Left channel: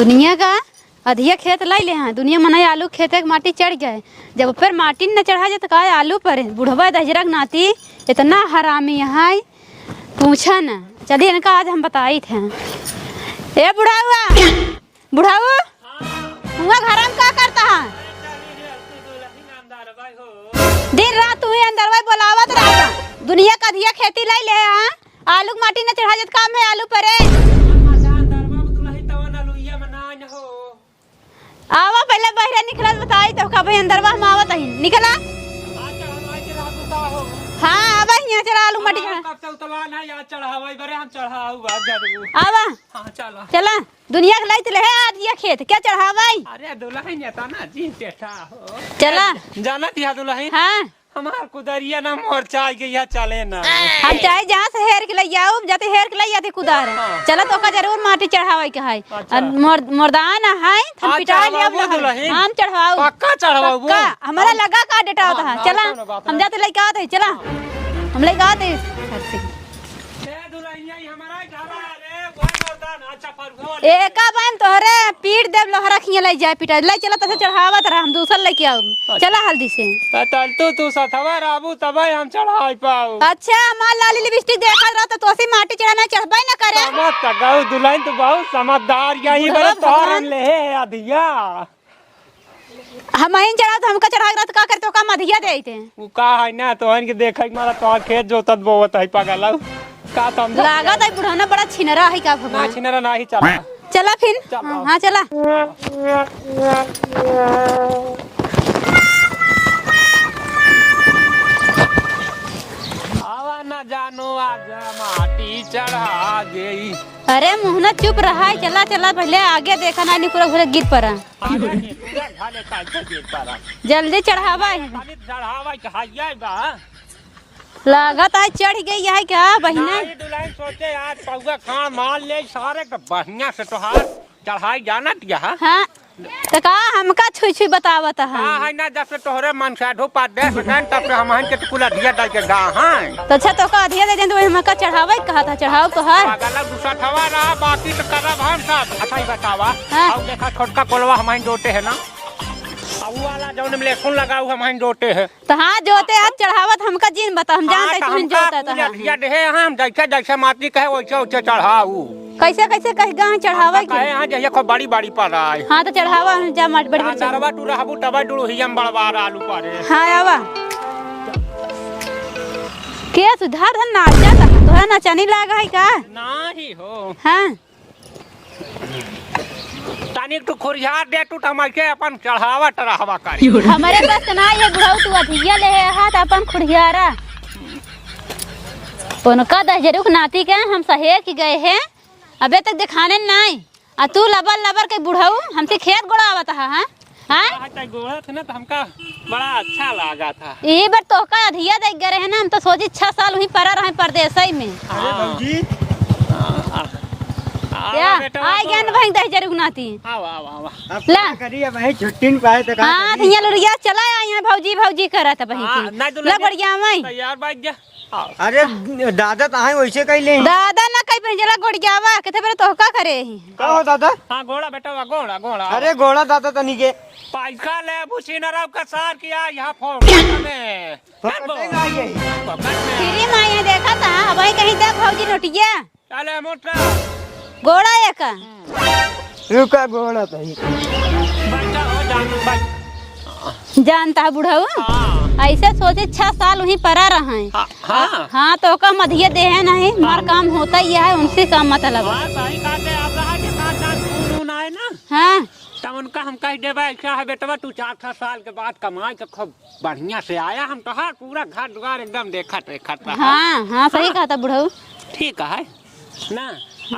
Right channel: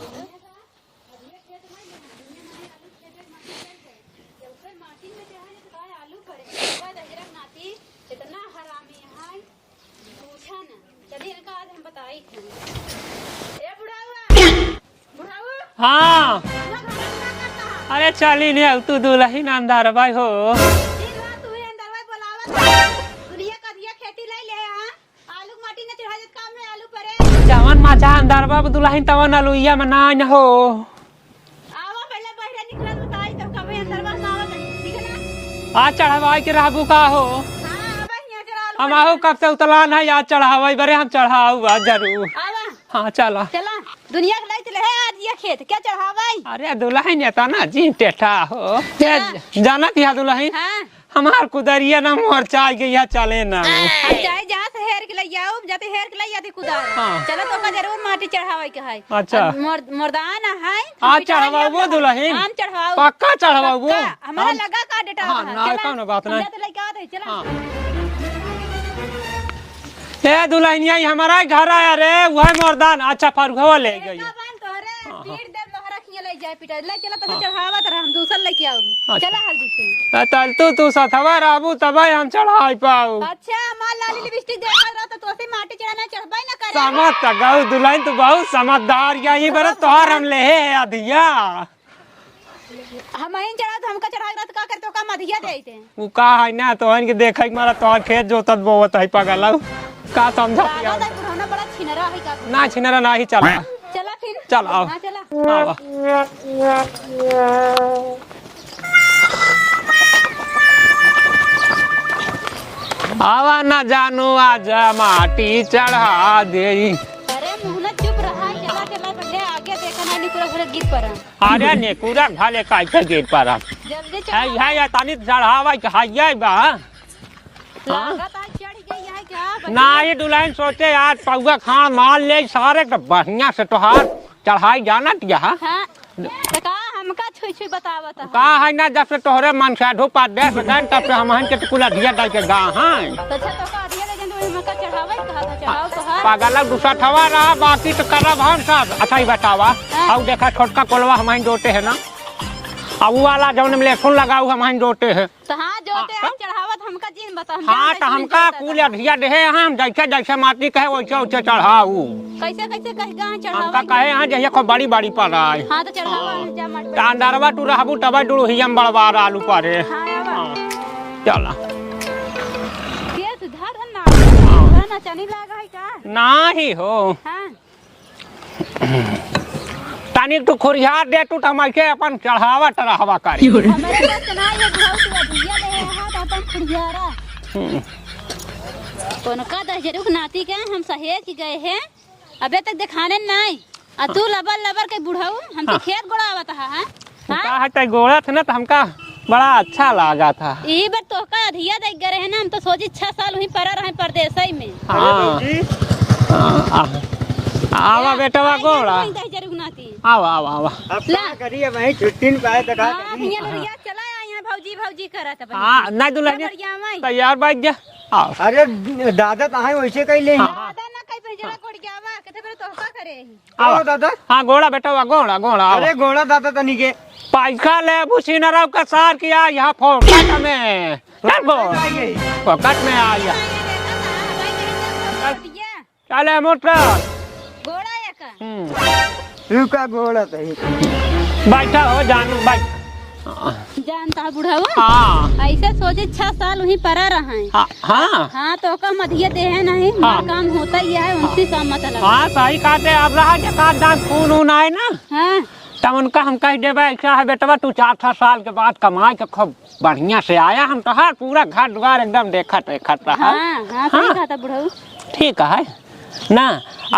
दुनिया का अधिया खेत लाई ले हैं दुनिया मना आलू खेते के माटी चढ़ गए जब ऊपर माटी न चढ़ा जाए तो का आलू पर बुढ़वा दहजरक नाती इतना हरामी है पूछा न। चलिए इनका आज हम बताई थे। ए बुढ़ाऊ हाँ घर में क्या करता है? अरे चली ने तू दुल्हन अंदर भाई हो दिन रात तू ही अंदर भाई बोलावत रह। दुनिया का अधिया खेती लाई ले हैं आलू के माटी न चढ़ा जाए काम है आलू परे जवन माचा अंदर बाब दुल्हन तवन आलूया में ना न हो आवा पहले बाहर निकला बताई तो का भाई अंदर बा हम आवत ही निकला आज चढ़ावाई के राबू का हो। हां आवा यहां चला आलू हम आओ कब से उतला ना याद चढ़ावाई बरे हम चढ़ाऊ आज जरूर आवा हाँ चला चला दुनिया के लाइत ले आज ये खेत क्या चढ़ावाई अरे दुल्हन ये तो ना जी टेठा हो चला जाना थी दुल्हन हां हमार कुदरिया ना मोर चाय के यहाँ चले ना हम चाहे जहां से हेर के ले जाओ जाते हेर के ले जाते कुदार चला तो का जरूर माटी चढ़ावे के है अच्छा मर्दान है आज चढ़ावाओ दुल्हन हम चढ़ाओ पक्का चढ़ावाओ हमारा लगा का डेटा होता है चला हम जाते लेके आते चला हम लेके आते ते दुल्हनिया हमारा घर आया रे वह मर्दान अच्छा फरुखवा ले एका बान तोहरे पीट देव लोहरा खिया ले जाए पिटा ले चला तसे चढ़ावत रह हम दूसर लेके आओ चला हल्दी से चल तू सथवा राबू तब हम चढ़ाई पाऊ अच्छा मां लाली लिपस्टिक देखा रहा तो तोसी माटी चढ़ाना चढ़बाई ना करे समझ त गऊ दुल्हन तो बहुत समझदार यही बरे तोहर हम ले है अधिया हम इन चढ़ा तो हमका चढ़ा रहा का करतो का मधिया देते उ का है ना तोहन के देखै के मारा तोहर खेत जोतत बोवत है पगला का समझ लागत है बुढ़ाना बड़ा छिनरा है का ना छिनरा ना ही चला चला फिर चल आओ हां चला आवा ना जानू आज माटी चढ़ा दे अरे मुहना चुप रहा है चला चला पहले आगे देखा ना निकुरा घुरे गिर पड़ा अरे ने पूरा घाले काट के गिर पड़ा जल्दी चढ़ावा या तानी चढ़ावा के हाइया बा लागत है चढ़ गई है क्या बहिना ना ये दुल्हन सोचे यार पौवा खान मार ले सारे के बढ़िया से तोहार चढ़ाई जाना क्या हां तो का हमका छुई छुई बतावत है का है ना जब से तोहरे मन से ढोपा दे दुल्हन तब से हम हन के कुला दिया डाल के गा हां तो अच्छा तो का दिया दे तो हमका चढ़ावे कहा था चढ़ाओ तो हर पागल दूसरा थवा ना बाकी तो करा भाई साहब अच्छा ही बतावा अब देखा छोटका कोलवा हम हन जोते है ना अब वाला जवन में लहसुन लगाऊ हम हन जोते है तो हां जोते हाथ चढ़ावत हमका जीन बता हम जानते कि हम जोता पूरा दिया दे हम जैसे जैसे माटी कहे वैसे वैसे चढ़ाऊ कैसे कैसे कह गा चढ़ावे कहे हां जैसे को बड़ी बड़ी पड़ा है हां तो चढ़ावा जा मट बड़ी अंदरवा टू रहबू तब डुड़ू हियम बड़वार आलू पारे हां आवा चला के सुधार धन नाचा सुधार नाचनी लागा है का नाही हो हां तानी तू खोरियार दे तू तमके अपन चढ़ावा टरावा कर हमारे पास ना ये बुढ़ाऊ तू अधिया ले हाथ अपन खुड़ियारा कोनो का दहजरुक नाती के हम सहेज के गए हैं अबे तक दिखाने नहीं आ तू लबर लबर के बुढ़ाऊ हमसे खेत गोड़ावत है हां हां हट गोड़ा था ना तो हमका बड़ा अच्छा लगा था ई बार तो का अधिया देख गए है ना हम तो सोची 6 साल वहीं पड़ा रहे परदेसई में हां जी आवा बेटा गोड़ा भाई दहजरुक नाती आवा ला करिए भाई छुट्टी न पाए तो का हां थिया लोरिया चला आए भौजी भौजी करत भाई हां ना दुल्हन बढ़िया मैं तैयार बैठ जा अरे दादा ताहे वैसे कैले दादा ना कई पंजला गोड़ियावा कथे पर तो का करे आओ दादा हां गोड़ा बेटा गोड़ा अरे गोड़ा दादा तनी के पैसा ले भूसीनराव का सार किया यहाँ फोकट में फोकट में आ ये माये देखा था भाई कहीं जा भौजी रोटिया चले मोटा गोड़ा एक रुका गोड़ा तही बैठा हो जान बैठ जानता है बुढ़ाऊ हां ऐसे सोचे 6 साल वहीं पड़ा रहे हैं हां हाँ तो का मधिये दे है नहीं हमारा काम होता ही है उनसे काम मतलब हां सही कहते अब रहा के साथ दांत खून आए ना हाँ तब उनका हम कह देवे ऐसा है बेटवा तू 4-6 साल के बाद कमाए के खूब बढ़िया से आया हम तो हर पूरा घर द्वार एकदम देखत रहा हाँ हाँ सही कहा था बुढ़ाऊ ठीक है ना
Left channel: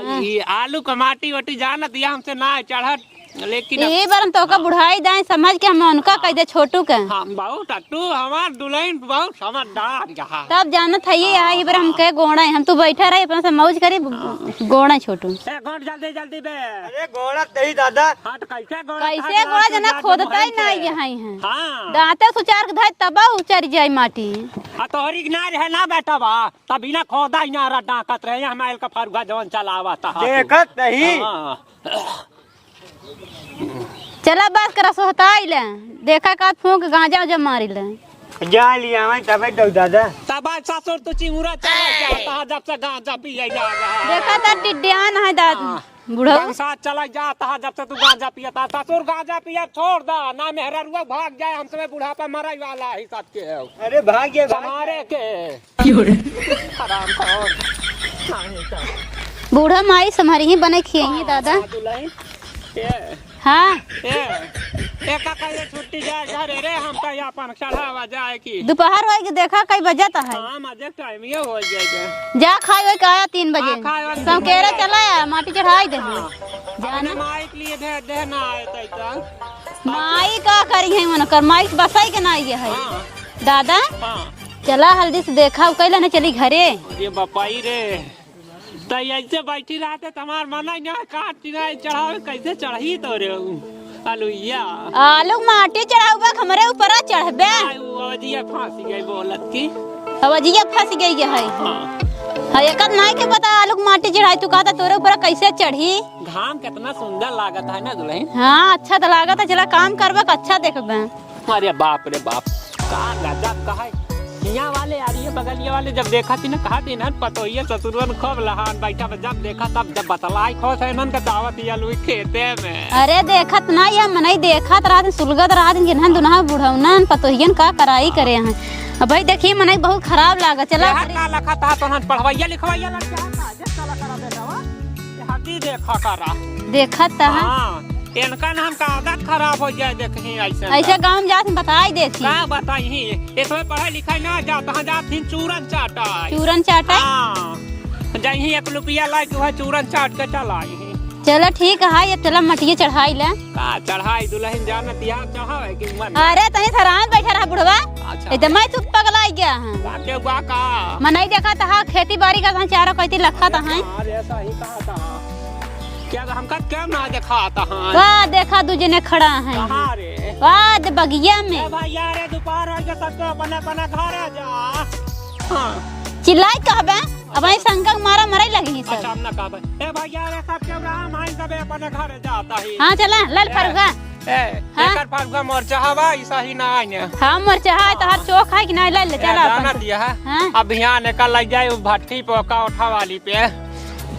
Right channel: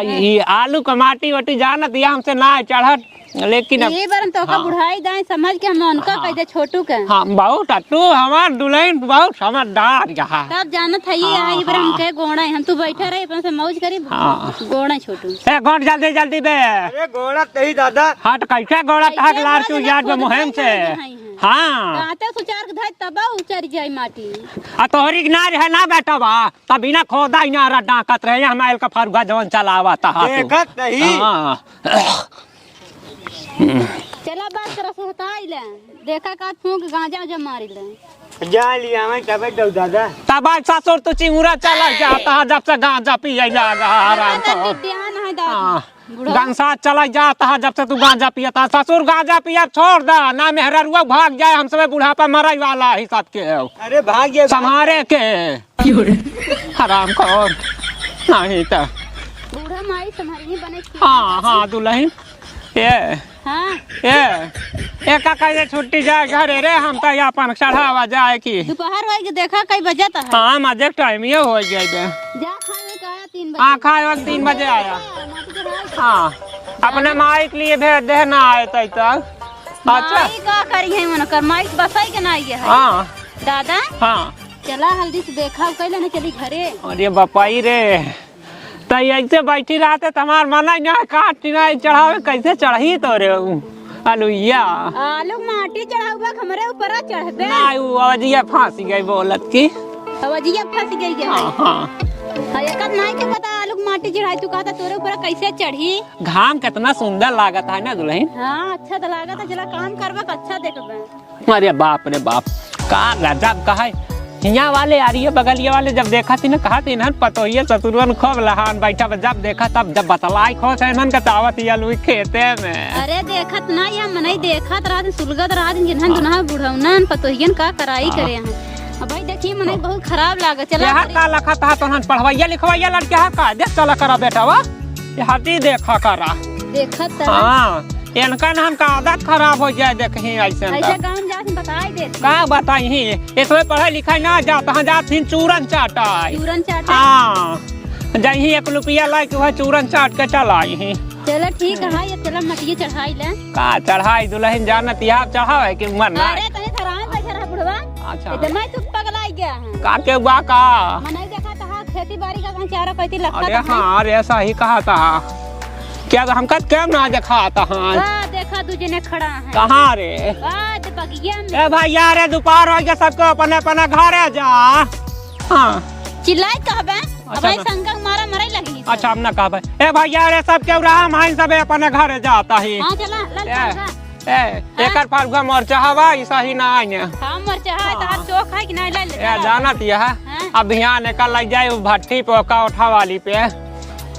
ये आलू का माटी वाटी जानत या हमसे ना चढ़त लेकिन ये बार हम तो का बुढ़ाई दाई समझ के हम उनका कह दे छोटू का हाँ बहुत तू हमार दुल्हन बहुत समझदार यहाँ तब जानत है ये बार हम कहे गोड़ा हम तो बैठा रहे अपने से मौज करे गोड़ा छोटू ए गोड़ जल्दी बे अरे गोड़ा तही दादा हट कैसे गोड़ा तक लार तू याद मोहन से हां दाते सुचार के धाय तबा उचर जाई माटी आ तोहरी के ना रहे ना बेटा बा तब बिना खोदा ही ना डाकत रहे हमारे का फरुगा जवन चलावा था देखत नहीं हां चला बात करा सोहताइले देखा का फूंक गांजा उजा मारिले जा लिया मैं तबे दो दादा तब आज ससुर तो चिंगुरा चला जाता है जब से गांजा पिए देखा तन विद्यान है दादी बूढ़ा गंसा चला जाता है जब से तू गांजा पियता ससुर गांजा पिया छोड़ दा ना मेहररुआ भाग जाए हम सब बुढ़ापा मरई वाला ही साथ के अरे भाग गया संहारे के हराम खोर नहीं तो बूढ़ा माई सम्हारी ही बने खिए दादा हाँ दुल्हन ये हाँ ये काका ये छुट्टी जाए घरे रे हम तो अपन चढ़ावा जाए की दोपहर हो के देखा कई बजे है हाँ मजे टाइम ये हो जाएगा जा खाए का आया 3 बजे हाँ खाए 3 बजे चला माटी चढ़ाई दे हाँ अपने माई के लिए भेज देना आए तक माई का करी है उनकर माई बसाई के ना आई है हाँ दादा हाँ चला हल्दी से देखा कैला ना चली घरे अरे बपाई रे तो ऐसे बैठी रहते तुम्हार मना यहाँ काट चढ़ावे कैसे चढ़ी तो रे अलुइया आलू माटी चढ़ाऊगा हमरे ऊपर चढ़बे अवजिया फांसी गई बोलत की अवजिया फंस गई है हाँ है का नहीं के पता आलू माटी चढ़ाई तू कहता तोरे ऊपर कैसे चढ़ी घाम कितना सुंदर लागत है ना दुल्हन हाँ अच्छा तो लागत है चला काम करबा अच्छा देखबे अरे बाप रे बाप का गजब का है यहाँ वाले आ रही है बगलिया वाले जब देखा थी ना कहा थी ना पतोहिया ससुरवन खूब लहान बैठा जब देखा तब जब बतलाई खोस है नन का दावत या लुई खेते में अरे देखत ना या मनई देखत रात सुलगत रात जिन्हन दुनहा बुढ़ौनन पतोहियन का कराई करे हैं अब भाई देखिए मनई बहुत खराब लागत चला का लखा था तो हम पढ़वैया लिखवैया लड़के है का देख चला करा बेटा वा ये हाथी देखा करा देखत हां इनका नाम का आदत खराब हो जाए देखी ऐसे गांव जात बताई देती ना बताई इसमें पढ़ाई लिखाई ना जाता जाती चूरन चाटाई चूरन चाटा हाँ जही 1 रुपया लाई तू चूरन चाट के चलाई चलो ठीक है ये चला मटिया चढ़ाई ले का चढ़ाई दुल्हन जानत या चढ़ावे कि मन अरे तनी सराम बैठा रहा बुढ़वा अच्छा इते मैं तू पगलाई गया है का के बा का मनई देखा था खेती बाड़ी का चारो कहती लखा था हां अरे ऐसा ही कहा था क्या हमका क्या ना देखा था वाह देखा दू जने खड़ा है कहां रे वाह बगिया में ए भाई यार दोपहर हो गया सबको अपने अपने घरे जा हां चिल्लाई कहबे अब ऐ संग मारा मरई लगनी अच्छा हम ना कहबे ए भाई यार सब के राम हां सब अपने घरे जाता है हां चला लल फरगा एकर फरगा मरचा हवा ऐसा ही ना आने हां मरचा है तो आप चोख है कि नहीं ले ले जाना दिया अब यहां लेकर लग जाए भट्टी पे का उठा वाली पे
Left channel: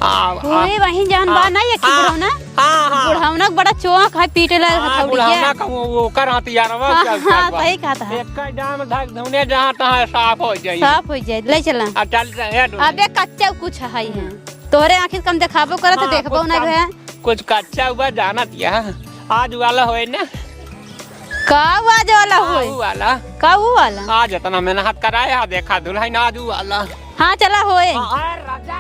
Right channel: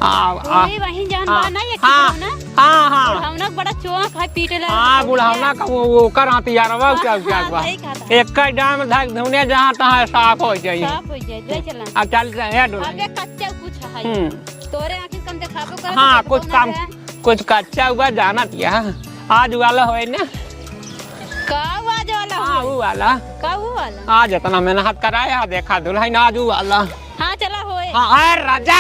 ओए वही जान बा ना ये बुढ़ौना हां हां बुढ़ौना बड़ा चौक है पीटे लगा हां बुढ़ौना का वो कर हथियारवा चल हां सही कहा था एक का डाम धक धुने जहां तहां साफ हो जाई साफ हो जाए ले चला अब चल रहे हैं अबे कच्चा कुछ है तोरे आखिर कम दिखाबो करे तो देखबो ना है कुछ कच्चा हुआ जाना दिया आज वाला होए ने का आज वाला होए वाला का वाला आज इतना मेहनत कराया देखा दुल्हन आज वाला हाँ चला होए अरे राजा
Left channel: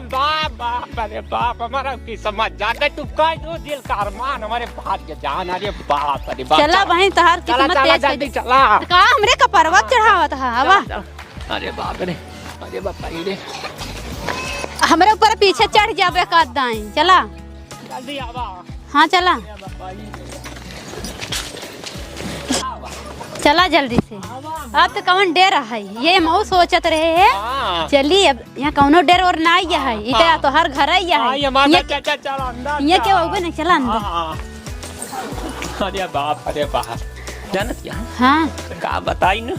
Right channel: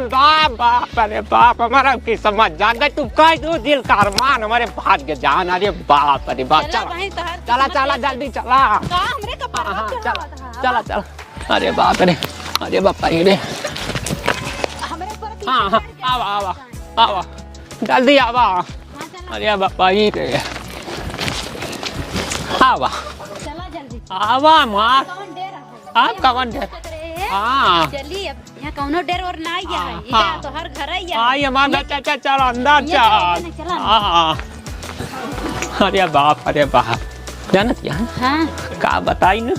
बाप बाप अरे बाप हमारा की समझ जान तू कह दो दिल का अरमान हमारे भाग्य जान अरे बाप अरे बाप चला बहन तहार चला चला जल्दी चला का हमरे का परवा चढ़ावा था हवा अरे बाप रे अरे बाप रे हमरे ऊपर पीछे चढ़ जाबे कर दाई चला जल्दी आवा हां चला अरे बाप रे आवा चला जल्दी आवा मां आप कौन डेर है ये मऊ सोचत रहे है चली अब यहाँ कौनो डेर और ना आया है इते तो हर घर आया है ये मां चल चल अंदर ये क्या होगा ना चला अरे बाप जानत यहाँ हां का बताई ना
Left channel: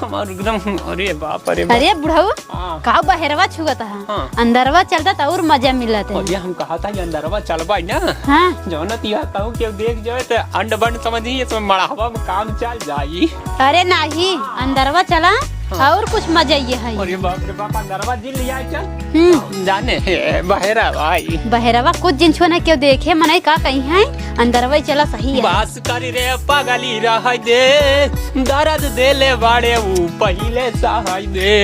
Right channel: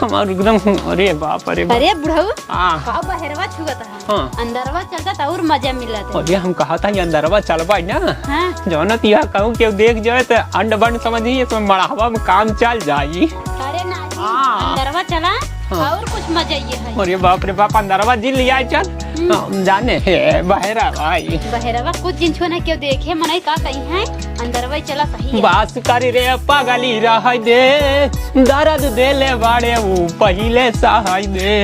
हमार एकदम अरे बाप अरे बुढ़ावा का बहरवा छुगता है अंदरवा चलता था और मजा मिलता अरे हम कहा था ये अंदरवा चलबा ना हां जानत यहाँ कहूं के देख जाए तो अंड बंड समझिए तो मड़ावा में काम चल जाई अरे नहीं अंदरवा चला और कुछ मजा ये है अरे बाप रे बाप अंदरवा जी लिया चल हम जाने बहरा भाई बहरवा कुछ दिन छो ना क्यों देखे मने का कहीं है अंदरवा चला सही है बास करी रे पगली रह दे दर्द देले बाड़े वो पहिले सहाय दे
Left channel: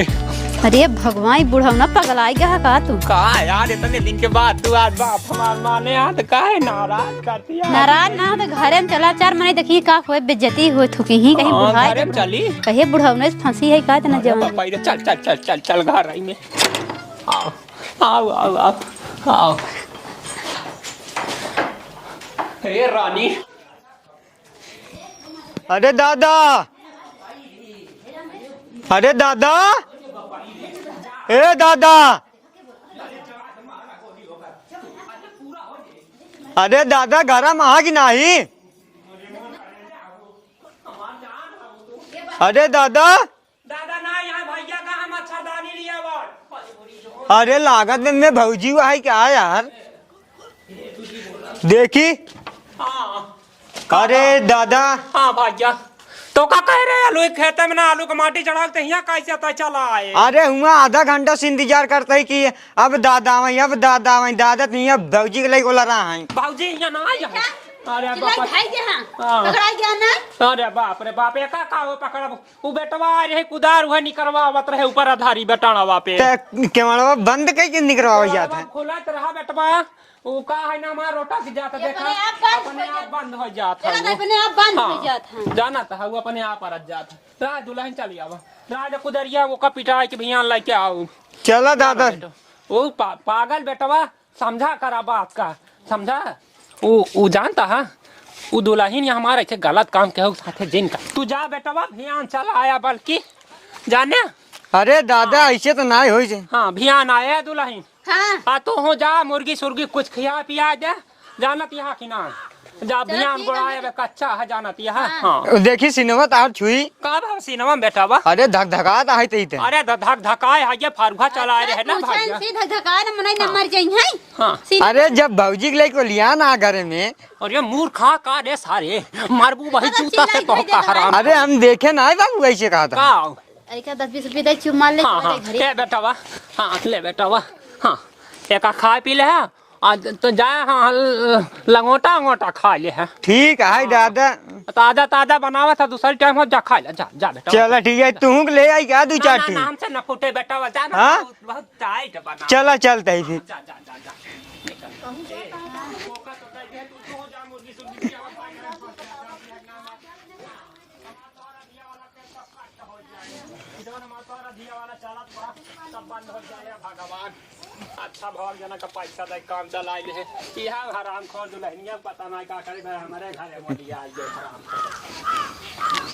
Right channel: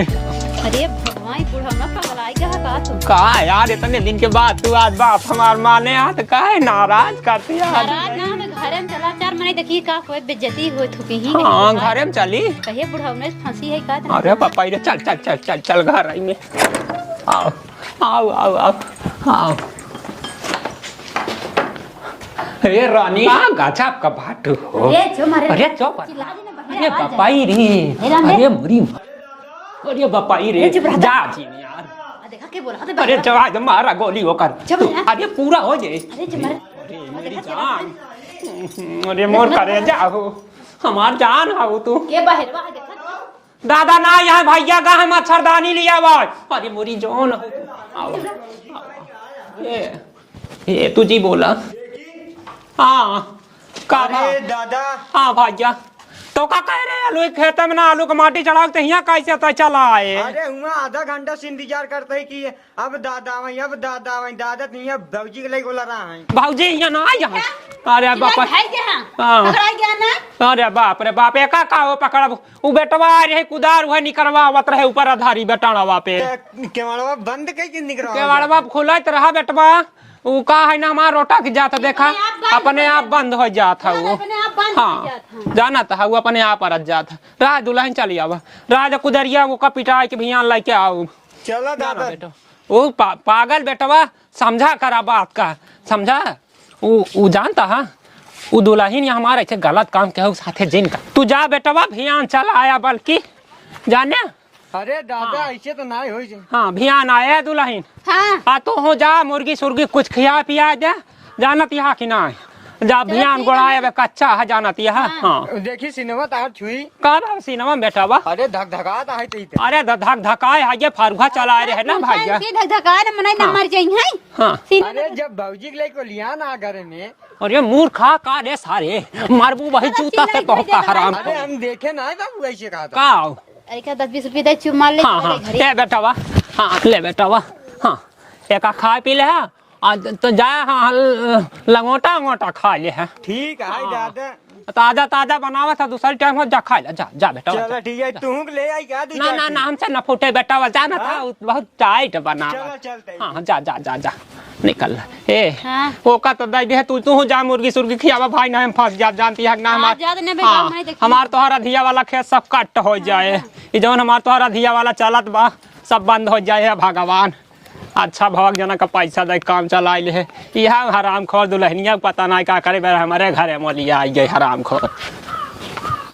अरे भगवान बुढ़ौना पगलाई गया का तू का यार इतने दिन के बाद तू आज बाप हमार माने हाथ काहे नाराज करती है नाराज ना में घरे में चला 4 महीने देखी का होए बेइज्जती हो थुकी ही कहीं घरे में चली कहे बुढ़ौना से फांसी है का तना अरे पापा रे चल चल चल चल चल घर आई में आओ आओ आओ आओ अरे रानी गजब का बात हो। अरे दादा, अरे बपाई रे, अरे मुरी, अरे दादा, अरे बपाई रे, जा। ए दादा, अरे जवाब मारा गोली होकर, अरे पूरा हो जाए। अरे दादा गरम आ कि नहीं? अरे मोर करे जाओ, हमार जान हो तू। अरे दादा, दादा ना यहाँ भैया का हम मच्छरदानी लिया हुआ। अरे मोरी जोन। अरे लागत दिन में भौजी हुआ है क्या यार? ये तुझी बोला। देखी? हाँ। अरे दादा, हाँ भैया। तो का कह रहे आलू खेत में ना आलू का माटी चढ़ाते हैं कैसे तो चला है। अरे हुआ आधा घंटा से इंतजार करते है कि अब दादा वही, अब दादा वही, दादा नहीं अब भौजी के लिए बोला रहा है। भौजी यहाँ ना यहाँ। अरे बाप अरे बाप रे बाप एका का हो पकड़ा वो बेटवा रहे कुदार हुए निकलवावत रहे ऊपर आधारी बेटावा पे केवड़वा बंद करके निकलवा केवड़वा खोलत रहा बेटवा वो का है ना हमारा रोटा की जाता देखा अपने आप बंद हो जाता वो। हाँ जाना था वो अपने आप रह जाता। राज दुल्हन चली आवा राज कुदरिया वो का पिटाई के भियान लेके आओ। चला दादा वो पागल बेटवा समझा करा बात का समझा। वो जानता है वो दुल्हन ये हमारे ऐसे गलत काम के साथे जिन का तू जा बेटवा भियान चला आया बल्कि जाने। अरे दादा ऐसे तो ना हो। हाँ भियान आया दुल्हन। हाँ तो हो जा मुर्गी सुर्गी कुछ खिया पिया जा जानत यहाँ कि ना जा भियान गोड़ाया कच्चा है जानत यहाँ। हाँ देखी सिनेमा तार छुई कौन सिनेमा बेटवा। अरे धक धका है ते अरे धक धकाए है ये फरुहा चला रहे ना भैया। हाँ अरे जब भौजी के लिए को लिया ना घर में। अरे मूर्खा का रे सारे मारबू वही जूता से तो का हराम। अरे हम देखे ना बाबू ऐसे कहा था। अरे का 10-20 रुपए दे चुप मार ले। हाँ हाँ ले बेटवा। हाँ ले बेटवा। हाँ एक खा पी ले है आज तो जा हाँ लंगोटा अंगोटा खा ले है। ठीक है दादा ताजा ताजा बनावा था दूसरे टाइम जा खा ले जा जा बेटा। चला ठीक है तू ले आई क्या दू चार ना हमसे न फूटे बेटा वाला ना बहुत टाइट बना। चला चलते है जा जा जा जा निकल ए फोका तो दे दे तू जा मुर्गी सुर्गी खियावा भाई ना हम फंस जा जानती है ना हमार तोहरा धिया वाला खेत सब कट हो जाए ये जौन हमार तोहरा धिया वाला चलत बा सब बंद हो जाए भगवान। अच्छा भगवान जना का पैसा दे काम चलाइल है यह हराम खोर दुल्हनिया पता नहीं क्या करे हमारे घरे मोलिया आई गई हराम खोर।